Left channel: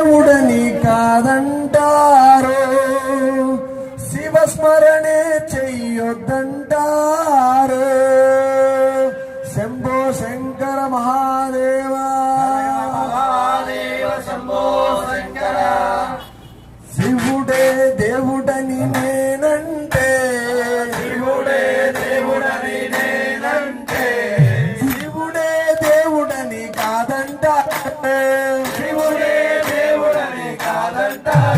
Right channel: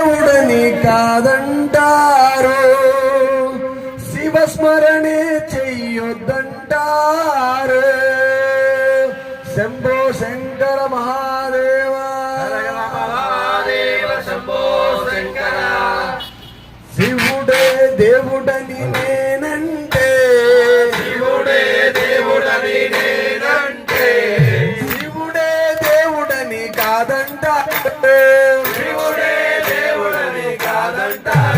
దేవుడని కాదంటారు, శివస్మరణే చెయ్యొద్దంటారు. శంభో శంకర మహాదేవ శంభో శంకర. శివుడే దేవుడని నేనంటే, శివుడే దేవుడని నేనంటే, శివుడే దేవుడని కాదంటారు, శివుడే దేవుడని కాదంటారు.